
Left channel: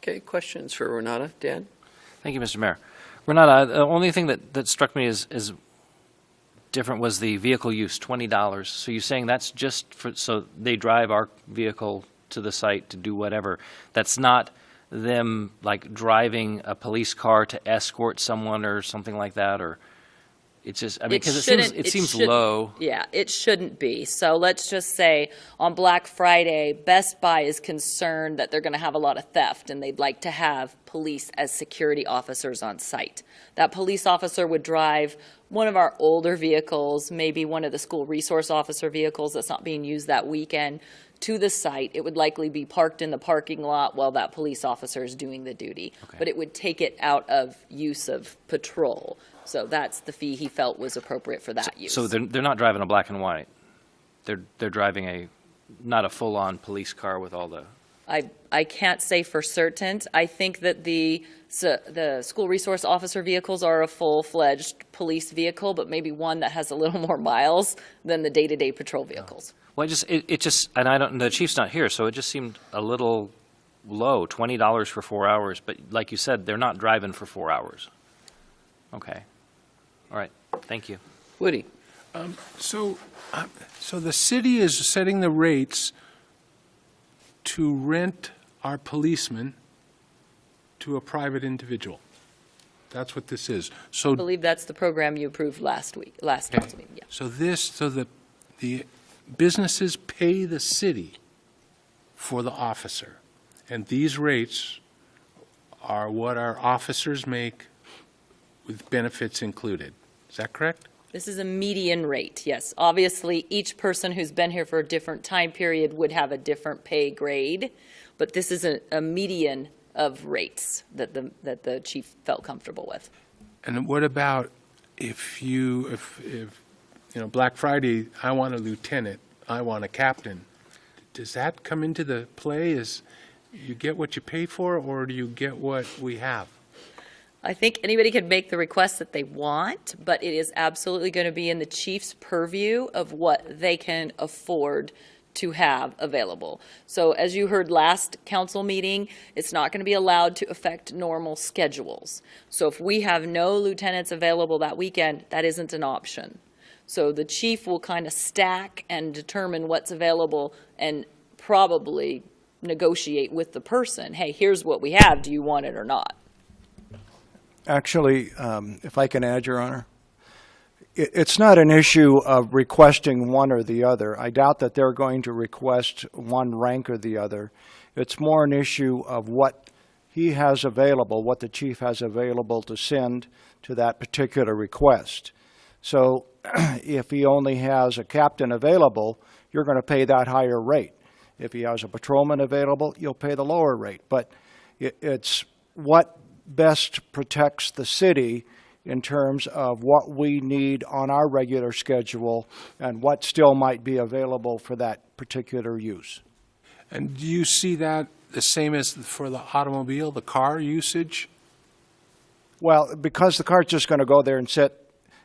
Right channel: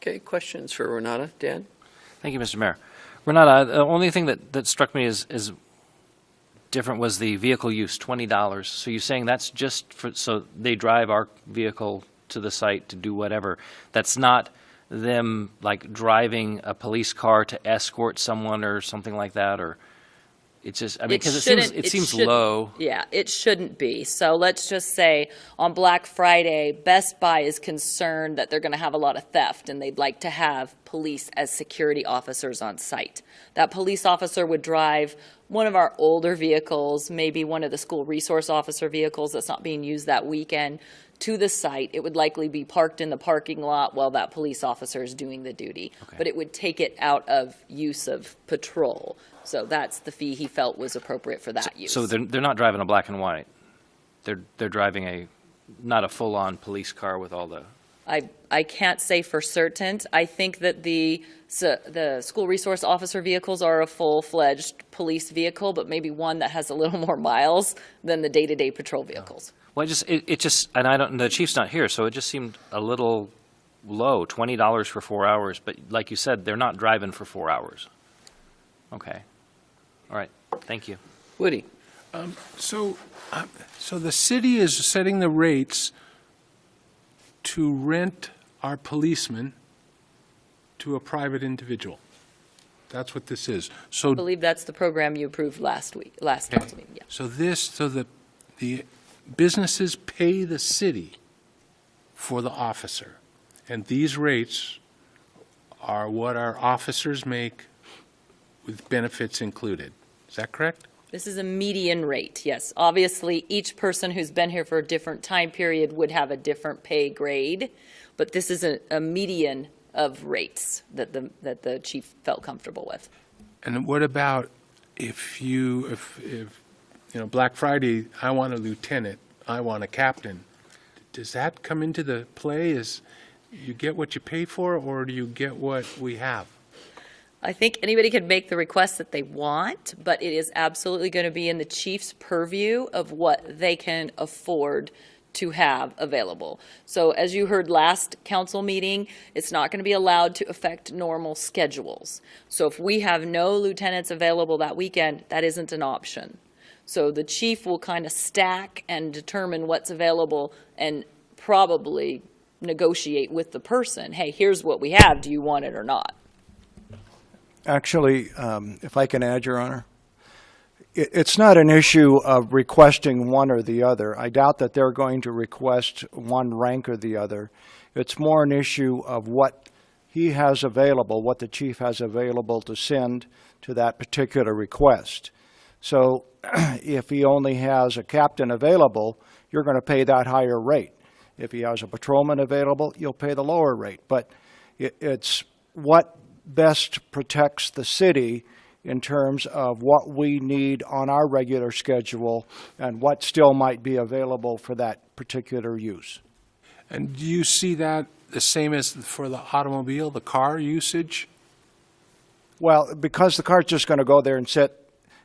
Okay, questions for Renata? Dan? Thank you, Mr. Mayor. Renata, the only thing that struck me as different was the vehicle use, $20. So you're saying that's just for, so they drive our vehicle to the site to do whatever. That's not them like driving a police car to escort someone or something like that, or it's just, I mean, because it seems low. Yeah, it shouldn't be. So let's just say on Black Friday, Best Buy is concerned that they're going to have a lot of theft and they'd like to have police as security officers on site. That police officer would drive one of our older vehicles, maybe one of the school resource officer vehicles that's not being used that weekend, to the site. It would likely be parked in the parking lot while that police officer is doing the duty. Okay. But it would take it out of use of patrol. So that's the fee he felt was appropriate for that use. So they're not driving a black and white. They're driving not a full-on police car with all the. I can't say for certain. I think that the school resource officer vehicles are a full-fledged police vehicle, but maybe one that has a little more miles than the day-to-day patrol vehicles. Well, it just, and I don't. The chief's not here, so it just seemed a little low. $20 for 4 hours, but like you said, they're not driving for 4 hours. Okay. All right. Thank you. Woody? So the city is setting the rates to rent our policemen to a private individual. That's what this is. I So, believe that's the program you approved last council meeting, yeah. so the businesses pay the city for the officer. And these rates are what our officers make with benefits included. Is that correct? This is a median rate, yes. Obviously, each person who's been here for a different time period would have a different pay grade, but this is a median of rates that the chief felt comfortable with. And what about if Black Friday, I want a lieutenant, I want a captain. Does that come into the play? Is you get what you pay for, or do you get what we have? I think anybody can make the request that they want, but it is absolutely going to be in the chief's purview of what they can afford to have available. So as you heard last council meeting, it's not going to be allowed to affect normal schedules. So if we have no lieutenants available that weekend, that isn't an option. So the chief will kind of stack and determine what's available and probably negotiate with the person. Hey, here's what we have. Do you want it or not? Actually, if I can add, Your Honor, it's not an issue of requesting one or the other. I doubt that they're going to request one rank or the other. It's more an issue of what he has available, what the chief has available to send to that particular request. So if he only has a captain available, you're going to pay that higher rate. If he has a patrolman available, you'll pay the lower rate. But it's what best protects the city in terms of what we need on our regular schedule and what still might be available for that particular use. And do you see that the same as for the automobile, the car usage? Well, because the car's just going to go there and sit,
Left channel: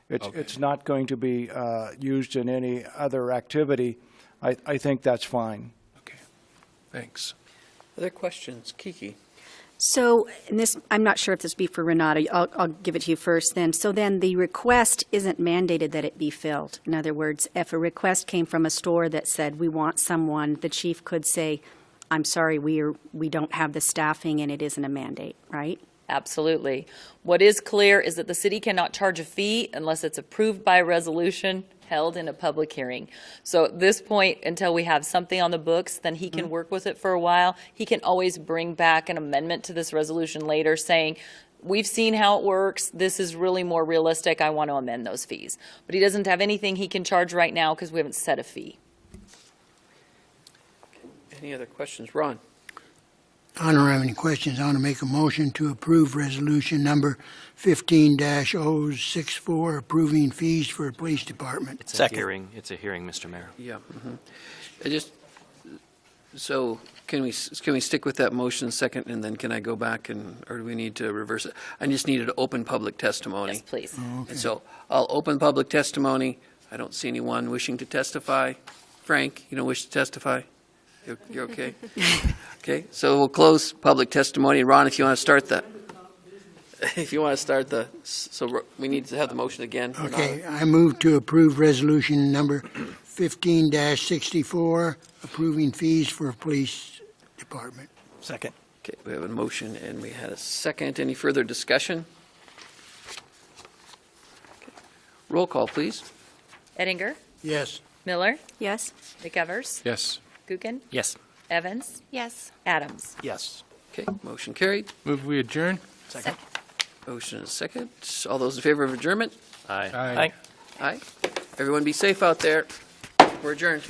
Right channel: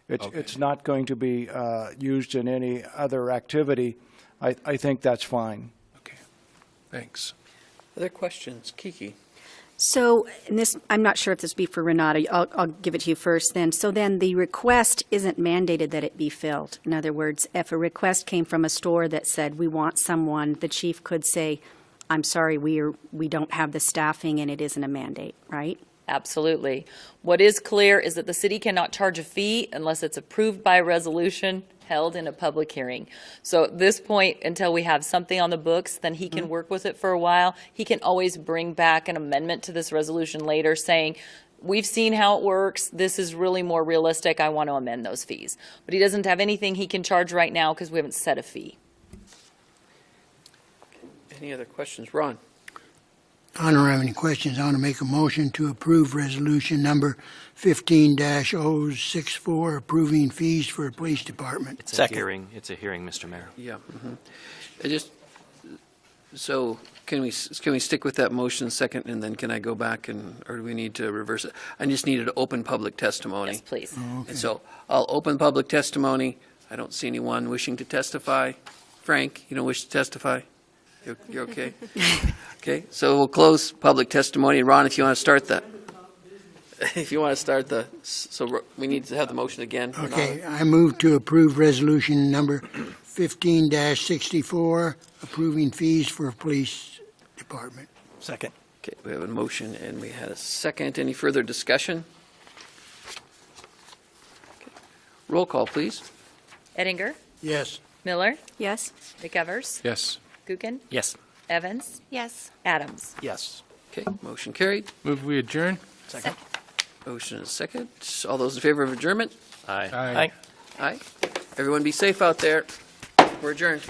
it's not going to be used in any other activity, I think that's fine. Okay, thanks. Other questions? Kiki? So, and this, I'm not sure if this would be for Renata. I'll give it to you first then. So then the request isn't mandated that it be filled. In other words, if a request came from a store that said, we want someone, the chief could say, I'm sorry, we don't have the staffing and it isn't a mandate, right? Absolutely. What is clear is that the city cannot charge a fee unless it's approved by resolution held in a public hearing. So at this point, until we have something on the books, then he can work with it for a while. He can always bring back an amendment to this resolution later saying, we've seen how it works. This is really more realistic. I want to amend those fees. But he doesn't have anything he can charge right now because we haven't set a fee. Any other questions? Ron? I don't have any questions. I want to make a motion to approve resolution number 15-064, approving fees for the police department. It's a hearing, Mr. Mayor. Yeah. So can we stick with that motion second, and then can I go back or do we need to reverse it? I just needed to open public testimony. Yes, please. Oh, okay. And so I'll open public testimony. I don't see anyone wishing to testify. Frank, you don't wish to testify? You're okay? Okay, so we'll close public testimony. Ron, if you want to start so we need to have the motion again. Okay, I move to approve resolution number 15-64, approving fees for police department. Second. Okay, we have a motion and we had a second. Any further discussion? Okay. Roll call, please. Ettinger, Yes. Miller, Yes? McEvers, Yes. Gookin, Yes. Evans, Yes. Adams. Yes. Okay, motion carried. Move we adjourn? Second. Motion is second. All those in favor of adjournment? Aye. Aye. Aye. Everyone be safe out there. We're adjourned.